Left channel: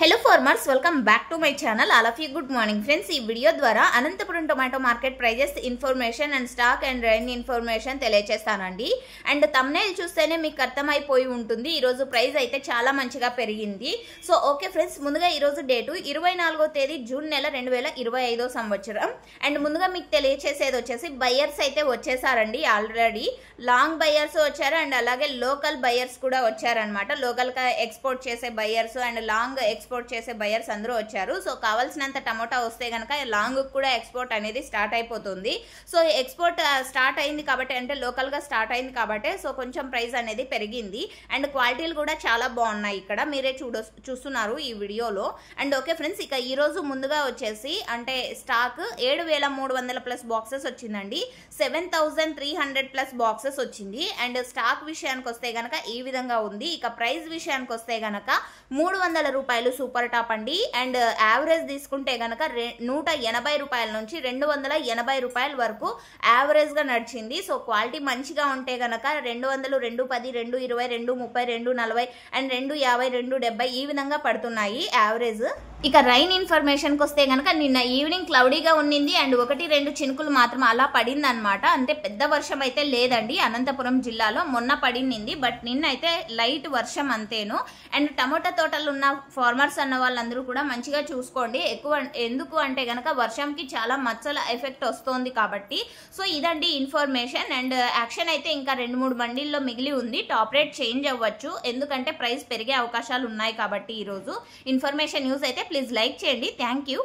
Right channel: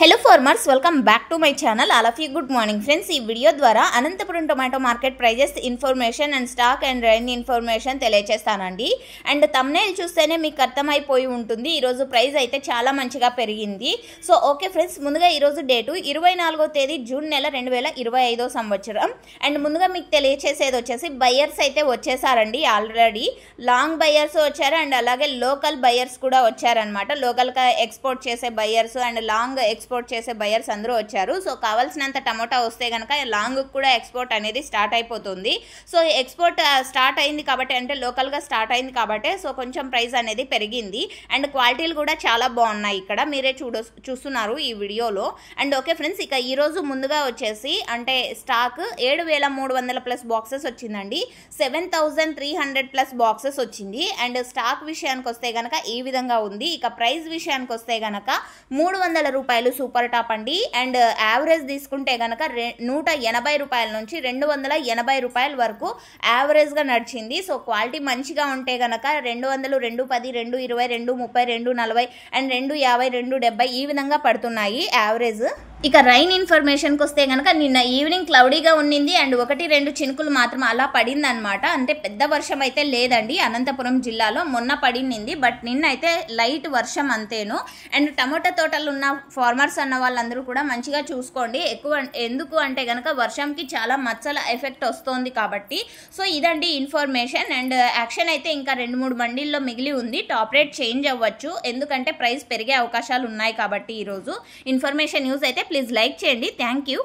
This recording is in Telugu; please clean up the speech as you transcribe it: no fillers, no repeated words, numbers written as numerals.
Hello farmers, welcome back to my channel. All of you good morning friends. ఈ వీడియో ద్వారా Anantapuram tomato market prices information and stock and rain information తెలియజేస్తానండి. అండ్ థంబ్నెయిల్ చూస్తేనే మీకు అర్థమైపోయి ఉంటుంది ఈ రోజు ప్రైస్ అయితే చాలా మంచిగా పెరిగింది. సో ఓకే ఫ్రెండ్స్, ముందుగా ఈ రోజు డేట్ 24వ తేదీ జూన్ నెల 2025వ సంవత్సరం. అండ్ ముందుగా మీకు తెలియజేసేది వచ్చేసి బయర్స్ అయితే వచ్చేసారండి. ఆల్రెడీ లాంగ్ బయర్స్ వచ్చారు అండ్ అలాగే లోకల్ బయర్స్ కూడా వచ్చారనమాట. లోకల్గా ఎక్స్పోర్ట్ చేసే బయర్స్ అండ్ లాంగ్ ఎక్స్పోర్ట్ చేసే బయర్స్ అందరూ వచ్చారు. సో కావాల్సినంత టమోటా వస్తే కనుక లాంగ్ కూడా ఎక్స్పోర్ట్ అనేది స్టార్ట్ అయిపోతుంది. సో ఎక్స్పోర్ట్ స్టార్ట్ అయింది కాబట్టి, అంటే లోకల్గా స్టార్ట్ అయింది కాబట్టి సో కొంచెం ప్రైస్ అనేది పెరిగింది. అండ్ క్వాలిటీలు కూడా చాలా బాగున్నాయి, ఇక్కడ మీరే చూస్తున్నారు ఈ వీడియోలో. అండ్ ఓకే ఫ్రెండ్స్, ఇక ఈరోజు ముందుగా వచ్చేసి అంటే స్టాక్ 7300 ప్లస్ బాక్సెస్ వచ్చిందండి. 7300 ప్లస్ బాక్సెస్ వచ్చింది. అండ్ స్టాక్ విషయానికి వస్తే గనక ఈ విధంగా ఉంది. ఇక ప్రైస్ విషయానికి వస్తే గనక 300 రూపాయలు సూపర్ టాప్ అండి. అండ్ యావరేజ్ తీసుకుంటే గనక 180 రూపాయల నుంచి 280 రూపాయల వరకు యావరేజ్ గా నడిచింది. సో క్వాలిటీ మంచిగా ఉంటే గనక 200, 210, 220, 230, 240 అండ్ 250, 270 ఈ విధంగా పడుతున్నాయి యావరేజ్. ఇక రైన్ ఇన్ఫర్మేషన్ కి వస్తే గనక నిన్న ఈవినింగ్ క్లౌడీగా ఉండింది అండ్ 1-2 చినుకులు మాత్రం అలా పడింది అనమాట. అంటే పెద్ద వర్షం అయితే లేదండి అనంతపురం జిల్లాలో. మొన్న పడింది బట్ నిన్న అయితే లైట్ వర్షం అంతేను. అండ్ టమోటా తోటలు ఉన్న ఫార్మర్స్ అన్న వాళ్ళందరూ కూడా మంచిగా చూసుకోండి. ఎందుకు అంటే గనక వర్షంకి చాలా మచ్చల ఎఫెక్ట్ వస్తుంది కాబట్టి. సో ఇదండి ఇన్ఫర్మేషన్. అండ్ యాక్షన్ అయితే ఇంకా 2-3 మండీల్లో మిగిలి ఉంది. టాప్ రేట్ చేంజ్ అవ్వచ్చు ఎందుకంటే ప్రైస్ పెరిగే అవకాశాలు ఉన్నాయి కాబట్టి. ఈరోజు ఇన్ఫర్మేషన్ న్యూస్ అయితే ప్లీజ్ లైక్ చేయండి. Thank you.